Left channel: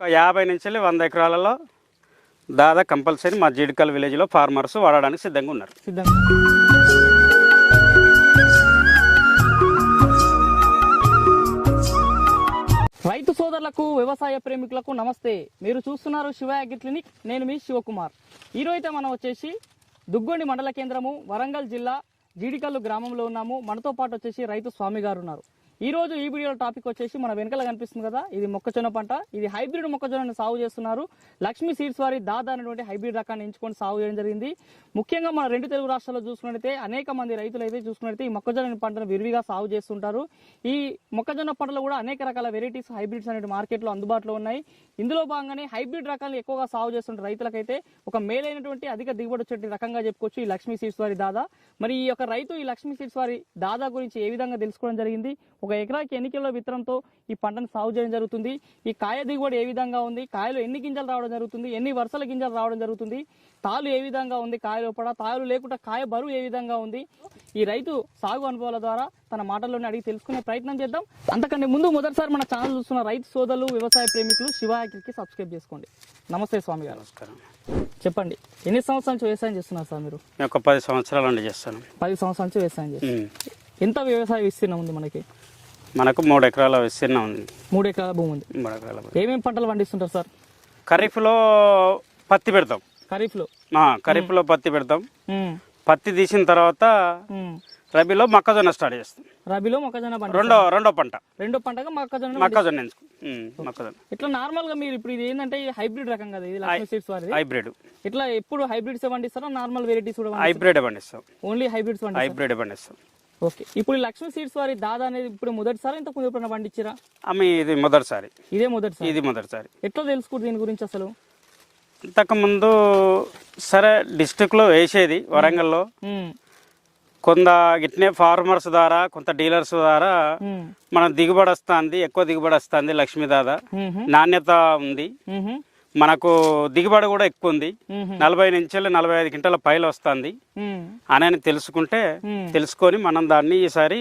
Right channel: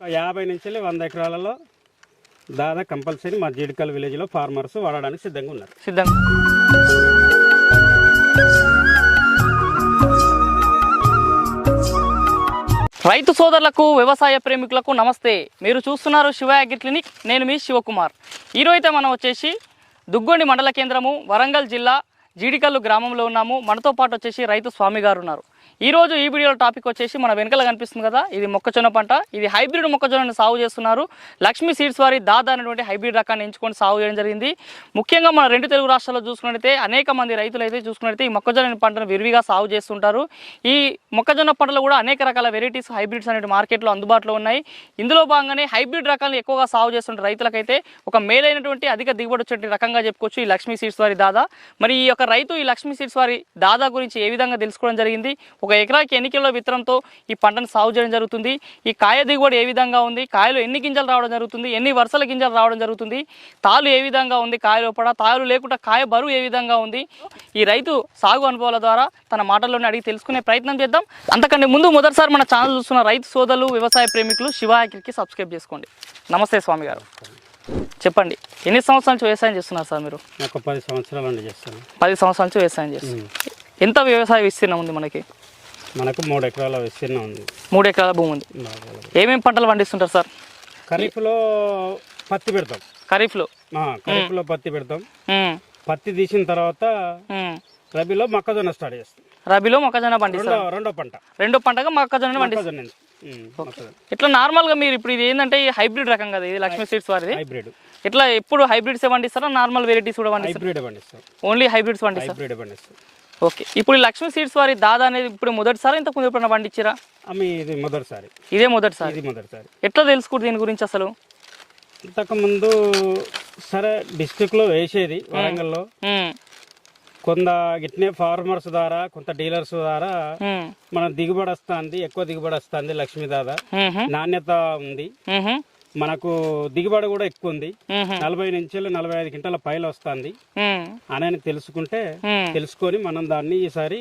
ఒక యాభై నుంచి వంద ఎకరాలలో దాదాపు కంపల్సరీ మా జీడికల్ విలేజ్లో ఫార్మర్స్ వాడడానికి సిద్ధంగా ఉన్నారు. సిద్ధంగా రైతు సోదరులకు వ్యవసాయ ప్రేమికులకు నమస్తే. మీరు చూస్తున్నారు శివ అగ్రి క్లినిక్. నేను మీ శివకుమార్. ఈరోజు మనం వచ్చేసి దుగ్గొండి మండల కేంద్రము వరంగల్ జిల్లా జీడికల్లు గ్రామంలో ఉన్నాము. మనతో పాటు వచ్చేసి రైతు స్వామి గారు ఉన్నారు. ఈరోజు ఈ వీడియోలో టాపిక్ వచ్చేసి మన వెనకాల కనిపిస్తుంది కదా ఇది మొక్కజొన్న పంట. ఇది హైబ్రిడ్ మొక్కజొన్నను సాగు చేస్తున్నారు. లక్ష్మీ సీడ్స్ వారి దాదా అనేటువంటి హైబ్రిడ్ రకాన్ని ఎంచుకొని సాగు చేయడం జరిగింది. ముఖ్యంగా మన రెండు తెలుగు రాష్ట్రాల్లో చూసుకున్నట్టయితే అనేక మంది రైతులు అయితే చూసుకున్నట్టయితే ఈ మొక్కజొన్న పంటను విరివిగా సాగు చేస్తుంటారు. ఈ మొక్కజొన్న పంటలో కూడా అనేక రకాల వెరైటీస్ హైబ్రిడ్స్ అనేవి మార్కెట్లో అందుబాటులో ఉన్నాయి. ఇందులో భాగంగానే హైబ్రిడ్ రకాలను ఎక్కువగా సాగు చేస్తున్న రైతులకైతే ఒక మేలైనటువంటి అధిక దిగుబడి వచ్చే రకంగా చెప్పుకోవచ్చు ఈ లక్ష్మీ సీడ్స్ వారి దాదా. మరి ఈ యొక్క రైతు ఈ లక్ష్మీ సీడ్స్ వారి దాదా గురించి ఏ విధంగా తెలుసుకోవడం జరిగింది? ఒక ఎకరాకి ఎన్ని కిలోల విత్తనంతో ఈ పంటను సాగు చేయడం జరుగుతుంది? ఈ కాయ దిగుబడి ఏ విధంగా ఉంది? కాయలు ఎన్ని గింజలు రావడం జరుగుతుంది? ఎన్ని వరుసల గింజలు రావడం జరుగుతుంది? తాలు ఏ విధంగా ఉంది కాయ లోపల? తాలు లేకుండా కాయ బరువు ఏ విధంగా ఉంది? ఈ రైతు సాగు అనుభవాల ద్వారా తన మాటల్లోనే అడిగి తెలుసుకునే ప్రయత్నం చేద్దాం. అంతకంటే ముందు మొదటిసారి మన ఛానల్ చూస్తున్న రైతు సోదరులు వ్యవసాయ ప్రేమికులు శివ అగ్రికి సబ్స్క్రైబ్ చేసుకోండి. నమస్తే స్వామి గారు చెప్పండి ఎన్ని సంవత్సరాల నుంచి వ్యవసాయం చేస్తున్నారు సార్ మీరు? ఒక పది సంవత్సరాల నుండి చేస్తాను. పది సంవత్సరాల నుంచి వ్యవసాయం చేస్తున్నారు. ఉమ్. ఎంత వ్యవసాయ విస్తీర్ణం ఉంది మనకి? మనకు మూడు ఎకరాల విస్తీర్ణం ఉంది. మూడు ఎకరాల భూమి ఉంది. మూడు ఎకరాల ఏమేమి పంటలు పండిస్తుంటారు సార్? ఖరీఫ్లో పత్తి పెడతాం. ఖరీఫ్లో? ఆ, ఖరీఫ్లో పత్తి పెడతాం. ఉమ్, పత్తి తీసిన తర్వాత ఉమ్. రబీలో మొక్కజొన్న స్టార్ట్ చేస్తాం. రబీలో మొక్కజొన్న పండిస్తారు. రెండో రెండో పంట. రెండో పంటగా మొక్కజొన్న పండిస్తారు. మొక్కజొన్న ఎంచు- ఉమ్, మొక్కజొన్న. ఇట్లా నార్మల్గా మీరు ఇప్పుడు ఇది ఏంటంటే ఈ హైబ్రిడ్ రకం కదా ఇది లక్ష్మీ సీడ్స్ వారిది. హైబ్రిడ్. ఇట్లా ఎప్పుడు హైబ్రిడ్స్ పండిస్తారా? నార్మల్ వెరైటీస్ కూడా పండిస్తారు? హైబ్రిడ్ పండిస్తాం. ఓన్లీ హైబ్రిడ్స్ పండిస్తారు? హైబ్రిడ్ పండిస్తాం. ఓకే. ఇప్పుడు లక్ష్మీ సీడ్స్ వారి దాదా అనేది ఇప్పుడు మొదటిసారి ఇంతకు ముందు ఎప్పుడైనా పండించారా? ఆమె ఇది మొదటిసారి. ఇదే మొదటిసారి? ఇది మొదటిసారి. ఎట్లా తెలుసుకుంటు దీని గురించి అసలు? ఇంతకుముందు సరే డిస్టిక్లో వేసేది వరంగల్లో. కొంత గిట్నే ఫార్మర్స్ ద్వారా కొంత డీలర్స్ ద్వారా మన దిగుబడి వస్తుంది ఎక్కువ దిగుబడి వస్తుంది లక్ష్మీ దాదా. నాణ్యత ఉంది. మనకు దిగుబడి కూడా ఎక్కువ ఉంది నలభై నుంచి నలభై ఐదు క్వింటాల పైలు వస్తుంది. అని తెలుసుకుంటే తెలుసుకొని మనం దాన్ని ఈసారి.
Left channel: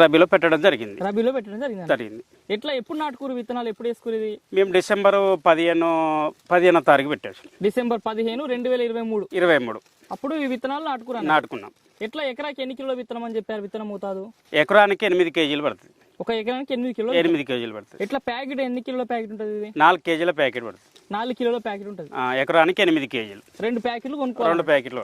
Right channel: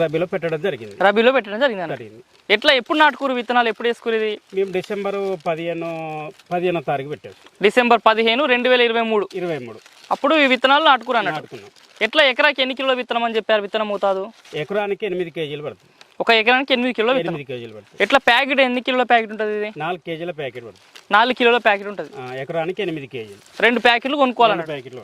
రబీలో పెట్టడం జరిగింది. రబీలో పెట్టడం జరిగింది జరిగింది. ఎట్లా ఎప్పుడు నాటుకూరు విత్తనాలు ఎప్పుడు వేసుకునేది మేము డిసెంబర్ పదిహేను పదిహేనో తారీఖు పెట్టేసి డిసెంబర్ పదిహేను రెండు వేల ఇరవై మూడు. ఇరవై మూడు. అప్పుడు ఈ విత్తనాలు నాటుకురాను నాటుకున్నాం. ఎట్లా ఎకరాకి ఎన్ని కిలోల విత్తనం అని చెప్పారు విత్తనం అవుతాదు ఎకరానికి ఎనిమిది కేజీలు పడుతుంది. ఒక ఎకరానికి ఎనిమిది కిలో ఎనిమిది కేజీలు పడుతుంది ఎట్లా ప్యాకెట్ ఎన్ని కిలోల ప్యాకెట్ ఉంటుంది ఇది? నాలుగు కేజీల ప్యాకెట్ పడుతుంది నాలుగు కిలోల ప్యాకెట్ ఉంటుంది. ఆ, ఎకరానికి ఎనిమిది కేజీలు. రెండు ప్యాకెట్లు కొనుక్కోవాలి రెండు ప్యాకెట్లు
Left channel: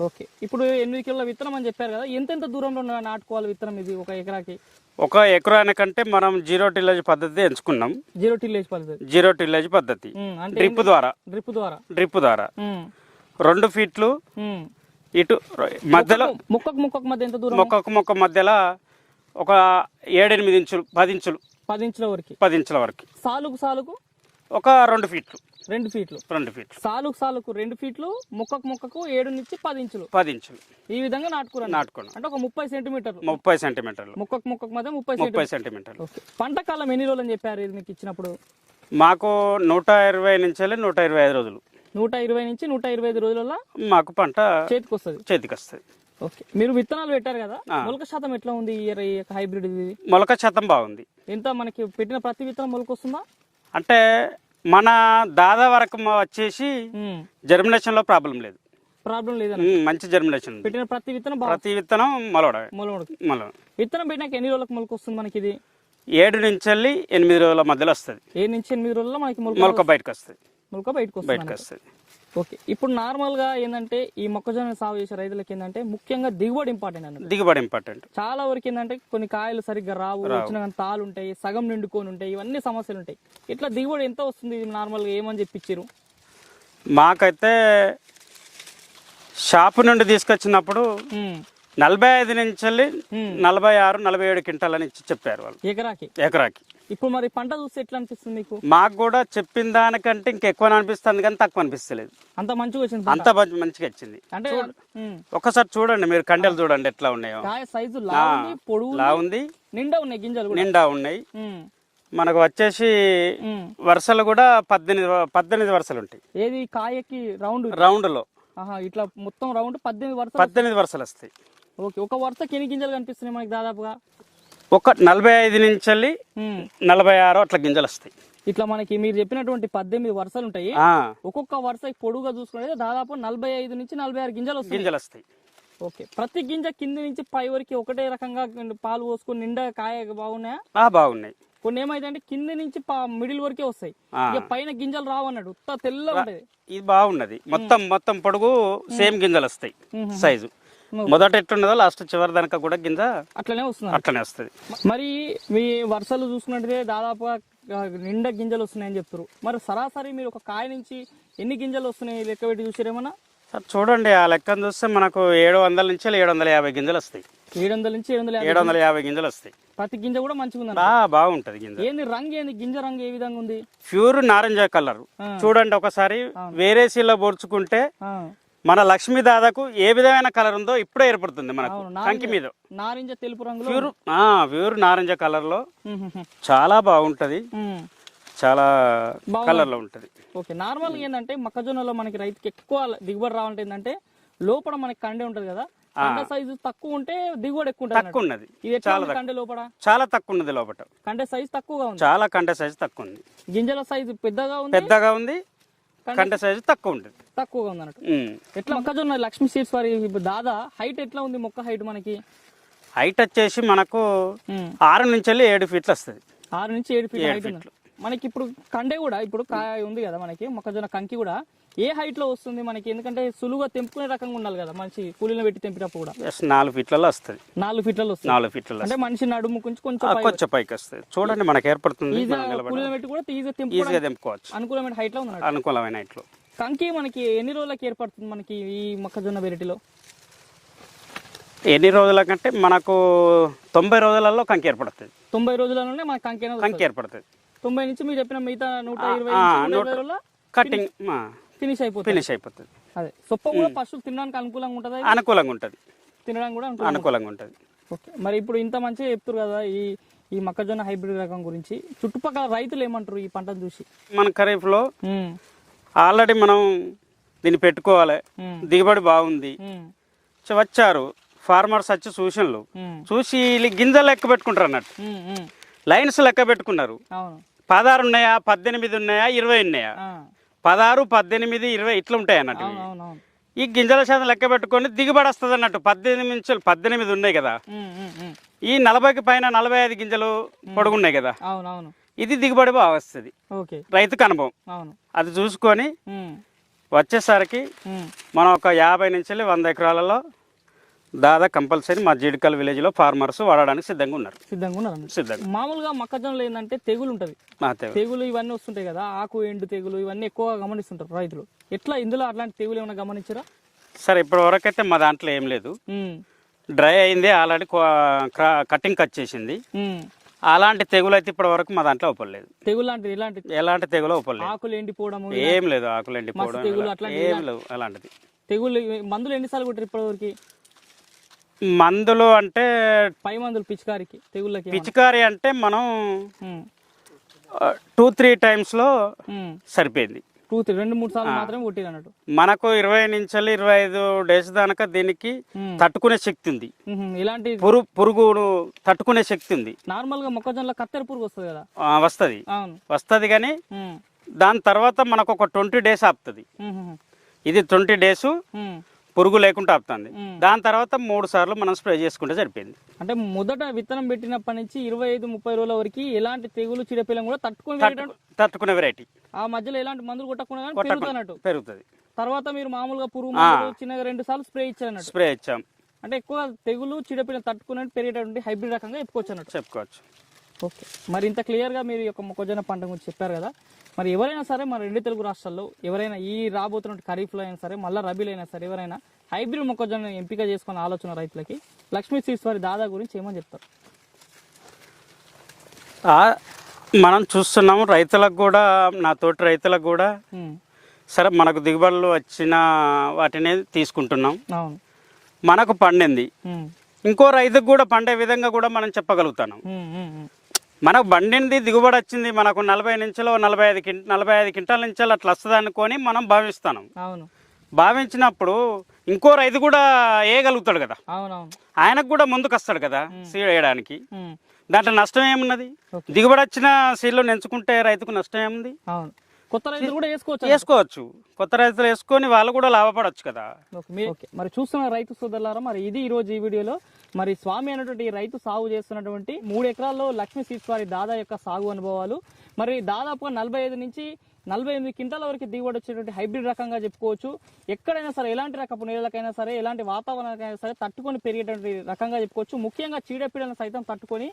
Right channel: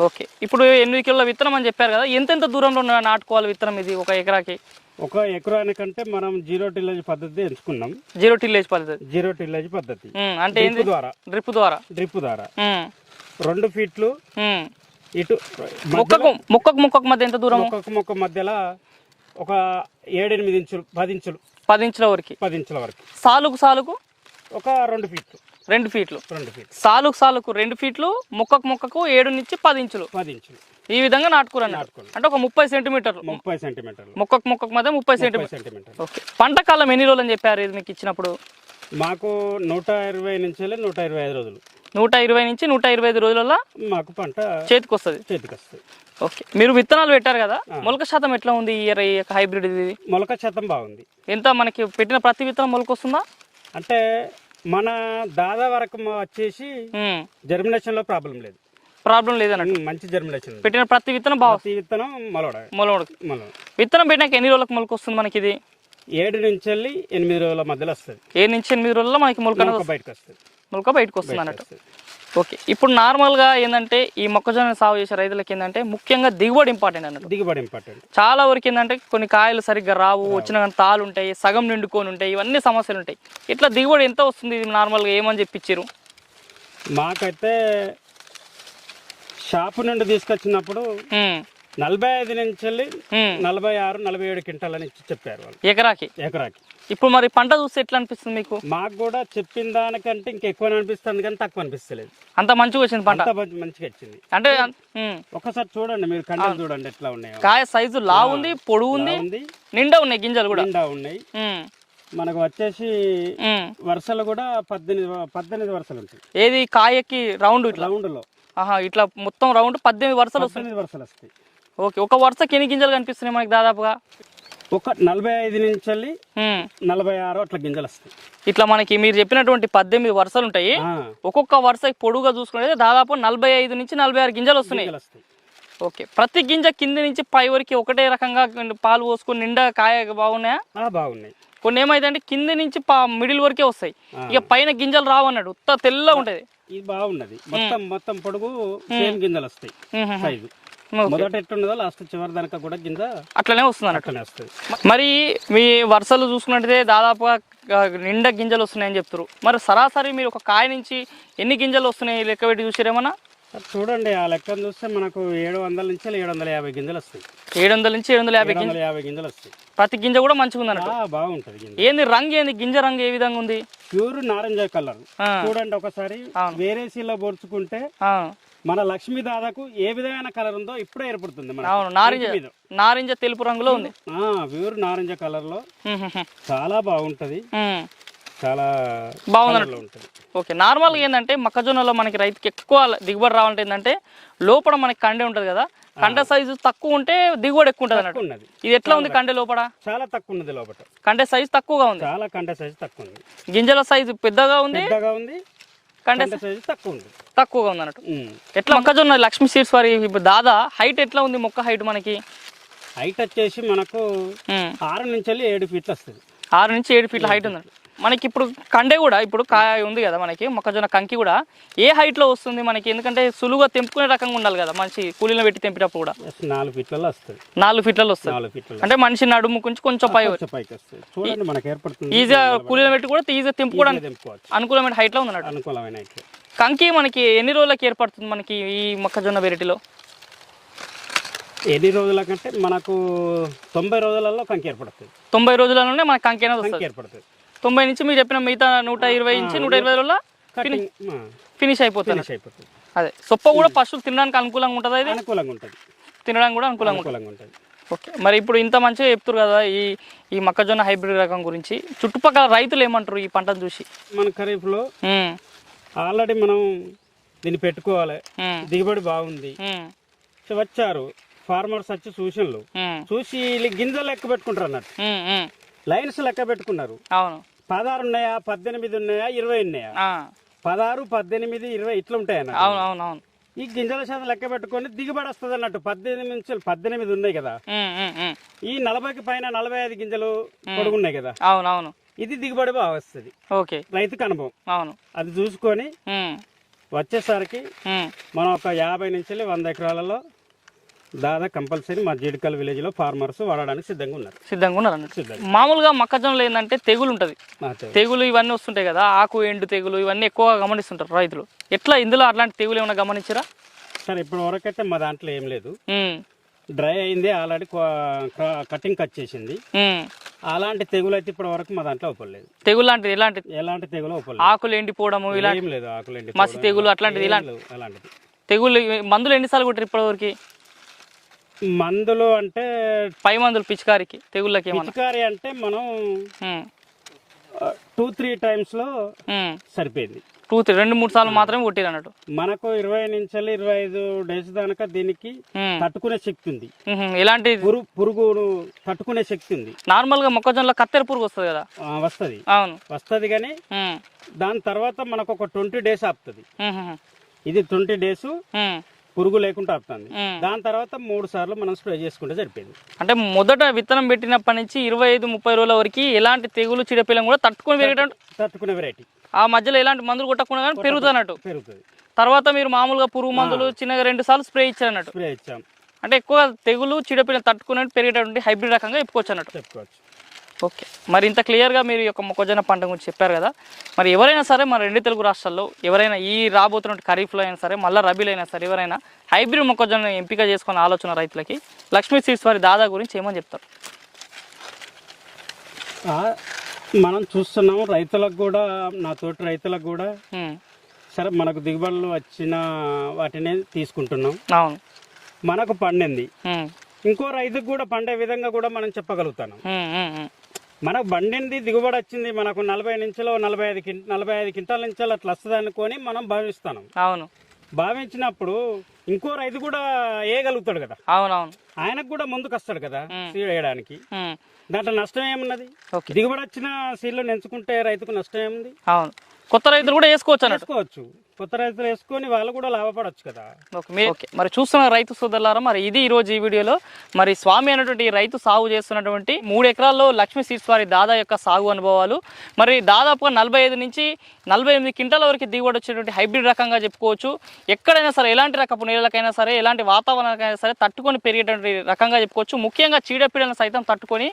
ఓకే. ఇప్పుడు ఎనిమిది కిలోల విత్తనం అని చెప్పారు కదా ఎంతెంత దూరంలో నాటుకోవాలి విత్తనం ఇది ఒక ఎకరాకి? ఒక ఎకరానికంటే మనం జీరో టిల్లేజ్ పద్ధతి ఎంచుకున్నాం. జీరో టిల్లేజ్ పద్ధతి. జీరో టిల్లేజ్ పద్ధతి. అంటే డ్రిప్ ద్వారా. డ్రిప్ ద్వారా. డ్రిప్ ద్వారా. రెండు ఫీట్లు. ఇటు మధ్యలో మొక్కకు మొక్కకు మధ్య ఎంత దూరం? మొక్కకు మొక్క మధ్యలో ఒక ఏడెనిమిది ఇంచులు పది ఇంచులు. పది ఇంచుల వరకు. పది ఇంచుల వరకు. సాలుకు సాలుకు? ఒక రెండు ఫీట్లు. రెండు ఫీట్లు. రెండు ఫీట్లు. సాలుకు సాలుకు రెండు ఫీట్లు మొక్కకు మొక్కకు ఏడు నుంచి పది ఇంచులు. పది ఇంచులు. ఈ విధంగా నాటుకురండి నాటుకోండి అంటే ఒక ముప్పై సెంటీమీటర్లు. ముప్పై సెంటీమీటర్లు. మొక్కకు మొక్కకు మధ్య ముప్పై ముప్పై సెంటీమీటర్ సెంటీమీటర్లు. ఓకే. పంట కాలం ఎన్ని రోజులు అని చెప్పారు ఇది మీకు ఇచ్చినప్పుడు? మాకు నూట ఇరవై నుంచి నూట ఇరవై ఐదు రోజులు. నూట ఇరవై నుంచి నూట ఇరవై ఐదు రోజులలో మాకు పంట చేతికి వస్తుంది చేతికి వస్తుంది ఓకే. మీరు విత్తనాలు పెట్టారు కదా? మొలక శాతం ఎట్లా ఉంది ఇయర్ హైబ్రిడ్ ఇది? మొలక శాతం బాగుంది. ఎంత మనకి పెట్టిన ప్రతి విత్తనం మొలక వస్తుందా అంటే మన దాదా వరకు వచ్చేసి ఉమ్, జర్మినేషన్లో ప్రాబ్లం లేదు. ప్రాబ్లం ఉమ్, మంచి జర్మినేషన్. పెట్టిన ప్రతి విత్తనం ప్రతి విత్తనం మొలవడమే. మొలక మొల విత్తనం పెట్టినాక ఎన్ని రోజులకు మొలక వస్తుంది మనకి ఇది? ఏడు నుంచి వెళ్ళి ఎనిమిది రోజుల మధ్యలో వస్తుంది. ఏ నుంచి ఎనిమిది రోజుల్లో మనకి మొలక మొలక బయటకు వస్తుంది. మొలక బయటకు వస్తుంది. ఓకే. ఇప్పుడు నార్మల్గా ఏంటంటే ఈ మొక్కజొన్న సాగు చేసే రైతులకి ఏంటంటే ముఖ్యంగా దిగుబడి ఇంపార్టెంట్ అన్నట్టు. దిగుబడి ఇంపార్టెంట్. చాలా వరకు ఏంటంటే కొన్ని కాయలు సరిగ్గా రావు వచ్చిన కానీ తాలు ఉంటాయి సగం నిండుకొని ఉంటాయి ఇవన్నీ సమస్యలు ఉంటాయి. ఇట్లా దిగుబడి ఎంత వస్తుంది ఇది నార్మల్గా ఏమని చెప్పించారు మాకైతే షాపు నుండి తీసుకొచ్చినప్పుడు నలభై ఐదు నుంచి నలభై ఆరు నలభై ఏడు క్వింటాలని ఇచ్చి చెప్పారు వాళ్ళు. ఎకరాకి? ఎకరాకి. ఇప్పుడు మరి పంట చూస్తే ఎట్లా అనిపిస్తుంది మీకు? మాకు కూడా చెప్పిన దానికంటే ఇంకెక్కువ అనిపిస్తుంది కానీ తక్కువ అనిపిస్తలేదు. అంత మంచిగా వచ్చింది పంట? అంత మంచి- మంచిగా వచ్చింది. అంటే ఉమ్, ఒకసారి చూడండి మీరు కండలు చూడండి ఎట్లా ఉన్నాయో. కాయ సైజు లా ఉంది పొడుగు ఇలా ఉంది ఉంది నిండా ఉన్నాయి గింజలు కూడా? నిండా ఉన్నాయి. ఉమ్, మనకు వచ్చేసి ఉమ్. వరుసలు కూడా పద్దెనిమిది పద్దెనిమిది వరుసలు ఉంటాయి. ఏది కాయకి రౌండ్? రౌండ్లో. ఆహా ఇట్లా మొత్తం రౌండ్ పద్దెనిమిది వరుసలు పద్దెనిమిది వరుసలు వస్తాయి. ఓకే ఒక వరుసకి ఎన్ని గింజలు కనిపిస్తున్నాయి మనకి దాదాపుగా? ఒక నలభై ఐదు నుంచి వెళ్ళి. నలభై ఆరు అట్లా గింజలు వస్తాయి. ఇట్లా మనకి మీరు చెప్పినటువంటి పద్దెనిమిది వరుసలు ఉంటాయి. ఒక్కొక్క వరుస పొడుగా చూసుకుంటే దాదాపు నలభై ఐదు నుంచి నలభై ఆరు గింజలు వస్తున్నాయి. గింజలు వస్తాయి. ఓకే. ప్రతి గింజ కింది నుంచి పై వరకు ఒకటే రకంగా పాలు పోసుకొని నిండా కాయ బాగున్నాయా? బాగున్నాయి. కొన్ని ఏమైందంటే కింది నుంచి మిడిల్ వరకే వస్తాయి. ఇక పైన గింజలు రావు అన్నాడు ఉత్త తెల్లగా ఉంటది. ఇది బాగున్నది. మొత్తం మొత్తం పొడుగు సేమ్ గింజలు వస్తాయి. సైజు. మొదట ఎట్లున్నదో లాస్ట్ చివరి దానిక కూడా గింజ అట్లనే వస్తున్నారు అట్లనే వస్తుంది. మరి మీ వరుసలు చూసుకున్నట్టయితే దాదాపుగా నిండా గింజలు వస్తున్నాయని చెప్తారు మరి సరాసరి మీరు ఒక కాయ నుంచి ఎన్ని గింజలు వస్తున్నాయి? లెక్క పెట్టి చూసారేమన్నా చూడండి ఆ లెక్కను చూస్తే మనకు ఏడు వందల నుంచి ఏడు వందల యాభై గింజలు వస్తాయి. ఏడు వందల నుంచి ఏడు వందల యాభై ఏడు వందల యాభై గింజలు వస్తాయి. ప్రతి గింజ కూడా మంచిగా ఆ, బాగుంటది గింజ. ఏంది రంగు ఏంది? గింజ రంగు ఏ విధంగా ఉంది? ప్యూర్ నారింజ కలర్. చూడండి ఒకసారి. వేరే సీలో పోల్చుకుంటే మన లక్ష్మీ దాదాకు ఏ విధమైన కలర్ ఉందో ఇప్పుడే ఏర్పడుతుంది మన నారింజ మీద. నారింజ తెలుపు రంగులో ఉంది. ప్యూర్ నారింజ కలర్లో. చాలా బాగుంటది. చాలా బాగుంది. కలర్లో ఉంటది. ఓకే నార్మల్గా ఏంటంటే మొక్కజొన్నలో మనకి రైతుకి ఎక్కువ దిగుబడి రావాలంటే ఏంటంటే లోపల మనకి కండే ఉంటుంది కదా. కండ సైజు తక్కువ ఉంటే దిగుబడి ఎక్కువ ఉంటుంది ఇది ఎట్లా ఉంది కండే లోపల? చాలా తక్కువ ఉన్నది లోపల. కండే సైజు తక్కువగా ఉంది. చాలా కంట సైజు తక్కువ ఉంది గింజల సైజు పెద్దగా ఉంది. పెద్దగా ఉంది. కండ కంట సైజు తక్కువ ఉంది తక్కువగా ఉంది అన్నట్టు. ఎట్లా మొక్కజొన్న లక్ష్మీ సీడ్స్ వారి దాదా హైట్ ఎట్లా ఉంది మొక్క హైట్ మనకి? హైట్ వచ్చేసి మనకు. ఆరు నుంచి వెళ్ళి ఏడు ఫీట్లు వస్తుంది. ఆరు నుంచి ఏడు ఫీట్ల హైట్ ఉంది మనకి ఇప్పుడు కండే కూడా ఇప్పుడు కాయ ఉంది కదా మనకి మొక్కజొన్న కంకి కూడా ఏ height లో వస్తుంది మనకి? ఎందుకంటే సులువుగా తెంపుకునే రకంగా ఉండాలి కదా మంచి కూలీలో పెట్టి తెంపేటప్పుడు కూడా. నాలుగు ఫీట్లలో వస్తుంది. నాలుగు ఫీట్లలో వస్తుంది. నాలుగు ఫీట్లలో అంటే మనిషి నడుము కొంచెం కొంచెం పై కొంచెం పైకి వస్తుంది. చూడండి మనకు ఏర్పడుతుంది ఈజీగా కూలీలో పెట్టి కూడా ఈజీగా తెంపుకోవడానికి అనుకూలమైన height లో ఉంది అనుకూలమైన ఇట్లు కంకి మనకి ఎన్ని రోజులకి ఏర్పడుతుంది మనకి ఈ మొక్కజొన్న వెరైటీలో? ఎన్ని రోజుల కంటే మనకు తొంభై రోజులలో కంకి ఏర్పడుతుంది. తొంభై రోజులలోనే మనకి కంకి అనేది కంకి ఏర్పడుతుంది. తొంభై నుంచి మీరు చెప్పిన మిగతా నూట ఇరవై నుంచి నూట ఇరవై రోజుల్లో కటింగ్ ఫినిష్ అయిపోతుంది. ఫినిష్ అయిపోతుంది. అదే. సొప్ప కూడా పశువులు తినడానికి అనుకూలంగా ఉంటుంది అనుకూలంగా ఉంటుంది. తినడానికి కూడా అనుకూలంగా అనుకూలంగా ఉంటుంది. ఓకే. మరి ఇప్పుడు ఇంత మంచిగా చెప్తారు కదా ఈ ఈ మొక్కజొన్న హైబ్రిడ్ రకం గురించి. చుట్టుపక్కల రైతులు ఏమంటారు ఈ పంటను చూసి? మన ఖరీఫ్లో ఆల్రెడీ మనం దీన్ని పెట్టుకోవాలి. దిగుబడి బాగుంది. వచ్చారు ఫార్మర్స్ వచ్చి సూచనలు. చూసి వీళ్ళు గింజలు లెక్క పెట్టుకుంటారు అన్నట్టు. లైన్స్ లెక్క పెట్టుకున్నారు. అవును. పదహారు ఉన్నాయా పద్దెనిమిది ఉన్నాయా ఇరవై ఉన్నాయా? పదహారు పద్దెనిమిది ఇరవై ఇట్లా ఉంటాయి అన్నట్టు ఈ గింజల శాతం లెక్క పెట్టుకొని దిగుబడి వస్తుంది అన్నట్టు పద్దెనిమిది నుంచి పద్దెనిమిది ఉన్నాయి కదా. ఈ నలభైకి పైన నలభై ఐదు గింజలు పొడుగున్నాయి కదా. అవును అవును. ఇది దిగుబడి బాగా వస్తుంది. ఓకే. రైతుకు అనుభవం. అవును. అది చూసుకొని వచ్చేసరికి మనం ఒక యాభై నుంచి వంద ఎకరాలలో దాదాపు కంపల్సరీ మా జీడికల్ విలేజ్లో ఫార్మర్స్ వాడడానికి సిద్ధంగా ఉన్నారు. సిద్ధంగా ఉన్నారు. సిద్ధంగా. మామూలుగా మొక్కజొన్నలో ఏంటంటే తెగులు ఉంటుంది. తెగులు. ఇవన్నీ వస్తుంటాయి కదా ఆకు ఎండు తెగులు ఇవన్నీ ఎక్కువగా గమనిస్తుంటారు రైతులు. ఎట్లా ఇందులో అట్లాంటి తెగులు ఏమైనా గమనించరా? సరే ఇప్పటి వరకు అయితే మా దాంట్లో ఏం లేదు. డ్రై అయింది ఆల్రెడీ కటింగ్ కట్ చేసింది. అలాంటి తెగులు అయితే ఇప్పటి వరకు మా దాంట్లో ఒప్పలేదు తెగులు లాంటిది ఎలాంటి? ఎలాంటి తెగులు ఒప్పలేదు ఆకులు ఎండిపోవడము ఏం లేదు ఆకులేంటి మసి తెగులు అట్లాంటిది అలాంటిది. తెగులు మందులు ఎన్నిసార్లు కొట్టారు ఇప్పటివరకు మందులు అంటే పై మందులు పిచికారికి తెగుళ్ళకి? పిచికారి అంటే మనం టూ త్రీ టైమ్స్లో ఉమ్. సరిపోయింది. టూ త్రీ రెండు మూడు సార్లు మాత్రమే కొట్టారు అన్నట్టు. మనకు ఇరవై నుంచి ఇరవై ఐదు డేస్ దీనికి ఉమ్, తట్టుకునే శక్తి ఉంది. ఎలాంటి పురుగు పురుగును తట్టుకునే శక్తి ఉంది. నార్మల్గా మొక్కజొన్నలో కత్తెర పురుగు వస్తుంది కదా? వస్తుంది. అవును. వస్తుంది కానీ దాని తర్వాత మనకు ఒక ట్వంటీ డేస్ ఆపుతుంది. ఇది ట్వంటీ డేస్ పురుగు లేకుండా ఆపుతుంది. దాని తర్వాత మూడు సార్లు మనం స్ప్రే చేసుకుంటే సరిపోయింది. అంటే మొదట విత్తనం పెట్టినప్పటి నుంచి ఇరవై ఐదు ముప్పై రోజుల వరకు ఎలాంటి తెగులు చీడపీలం కూడా తట్టుకొని తట్టుకునే వెరైటీ ఆ మధ్యలో ఎలాంటి మందులు కొట్టకుండా కానీ పెరుగుతున్నట్టు పెరుగుతుంది. తర్వాత మీరు మామూలుగా పురుగు మందులు చిన్నగా రెండు సార్లు స్ప్రే ఇచ్చారు అన్నట్టు స్ప్రే ఇచ్చాం. అంటే ఎక్కువ తెగులు చీడపీలం తట్టుకున్నట్టు పెరిగేటటువంటి హైబ్రిడ్ రకంగా చెప్పుకోవచ్చు అన్నట్టు. చెప్పుకోవచ్చు. ఓకే. మరి ఇంత క్లియర్గా మీరు ఈ యొక్క మొక్కజొన్న పంట గురించి చెప్పారు కదా. మరి ఎవరైనా సరే మన రెండు తెలుగు రాష్ట్రాల్లో ఎవరైనా ఈ రాబోతున్న ఖరీఫ్లో అయినా సరే మళ్ళీ రబీలో అయినా సరే ఎవరైనా హైబ్రిడ్ మొక్కజొన్న ఎంపిక చేసుకునే ఆలోచన రైతులకి లక్ష్మీ సీడ్స్ వారి దాదా గురించి ఏమని చెప్తారు? మనం చూస్తున్నాం రైతులకు కూడా నా తోటి రైతులకు కూడా సరే మనకు దిగుబడులు వచ్చిన వాటిని తీసుకుంటున్నాం. అవును. మనకు పండింది. ఇంకో రైతుకు కూడా పండే విధంగా కూడా మనం చెప్పగలుగుతాను. మనకు పండింది దిగుబడి వచ్చింది మనకు నలభై నుంచిలో నలభై ఐదు కింట నలభై ఐదు క్వింటాల నుంచి అట్లా వస్తుంది అనుకొని మనం భావిస్తాం. అవును. భావించినప్పుడు ఇంకో రైతు కూడా వేయగలుగుతాడు కదా. అవునవును. ఆయనకు కూడా ముందుకు వస్తాడు కదా సీడ్ వేయడానికి. దాంట్లో నష్టం ఏమున్నది? దిగుబడి వచ్చిన సీడ్లో ఎంచుకుంటే రైతుకు నష్టం ఏముంది? అవును. కొత్త రైతులు కూడా వేసుకోవచ్చు. వేసుకోవచ్చు. కొత్త రైతులు వేసుకొని వాళ్ళు కూడా లాభపడొచ్చు కదా. ఓకే మరి చూస్తున్న రైతు సోదరులారా మరి ఇది ఈ రోజు ఈ వీడియోలో మరి స్వామి అనేటువంటి రైతు సాగు చేస్తున్నటువంటి మూడు ఎకరాల్లో లక్ష్మీ సీడ్స్ వారి దాదా యొక్క సాగు అనుభవాలు. మరి దాదాపుగా నలభై ఐదు నుంచి నలభై ఎనిమిది క్వింటాల వరకు దిగుబడి వచ్చేటువంటి హైబ్రిడ్ రకంగా చెప్పుకోవచ్చు. ఎక్కడైనా సరే ఎలాంటి రకపు నేలకైనా సరే ఎలాంటి వాతావరణానికైనా సరే తట్టుకొని పెరిగేటువంటి రకంగా చెప్పుకోవచ్చు. ముఖ్యంగా చీడపీడలను సైతం తట్టుకొని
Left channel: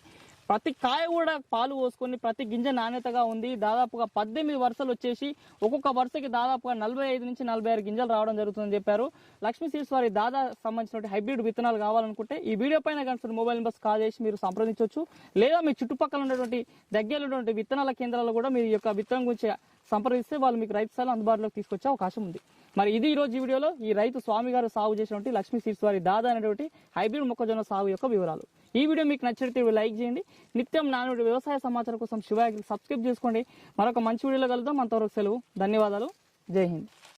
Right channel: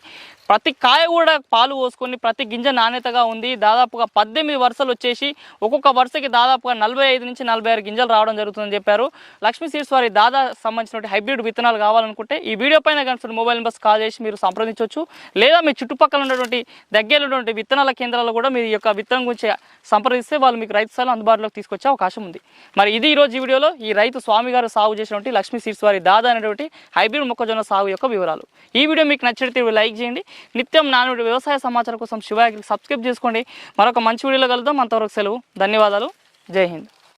ప్రతి కాయ కూడా పాలు పోసుకొని ప్రతి గింజ నాణ్యతగా ఉంది. దాదాపుగా పద్దెనిమిది వరుసలు వచ్చేసి ఒక్కొక్క వరుసకి దాదాపుగా నలభై ఐదు నుంచి నలభై ఆరు గింజలు రావడం జరుగుతుందని చెప్పారు. లక్ష్మీ సీడ్స్ వారి దాదా సంబంధించినటువంటి హైబ్రిడ్ విత్తనాలు కావాలనుకుంటే ఈ వీడియో పైన కనిపిస్తున్న మొబైల్ నెంబర్స్ కాల్ చేసి మీరు సంప్రదించవచ్చు లేదా మీ చుట్టుపక్కల ఉన్నటువంటి దగ్గర ఉన్నటువంటి విత్తనాల కేంద్రాల్లో కూడా మీ యొక్క విత్తనం గురించి సంప్రదిస్తే వాళ్ళు మీకు రైతు స్థలం అందుబాటులోకి తీసుకొచ్చే అవకాశం ఉంది. మరి ఇది ఈ రోజు ఈ వీడియోలో ఈ రైతు స్వామి గారు సాగు చేసినటువంటి లక్ష్మీ సీడ్స్ వారి దాదా అనేటువంటి హైబ్రిడ్ మొక్కజొన్న సాగు యొక్క వివరాలు. ఈ వీడియో మీకు నచ్చినట్టు లైక్ చేయండి. నిత్యం నానుడి వ్యవసాయ సమాచారం కోసం శివాగ్రికి సబ్స్క్రైబ్ చేసుకోండి. మరొక మంచి వీడియోలో కలుద్దాం. అంతవరకు సెలవు. ధన్యవాదాలు. జై హింద్.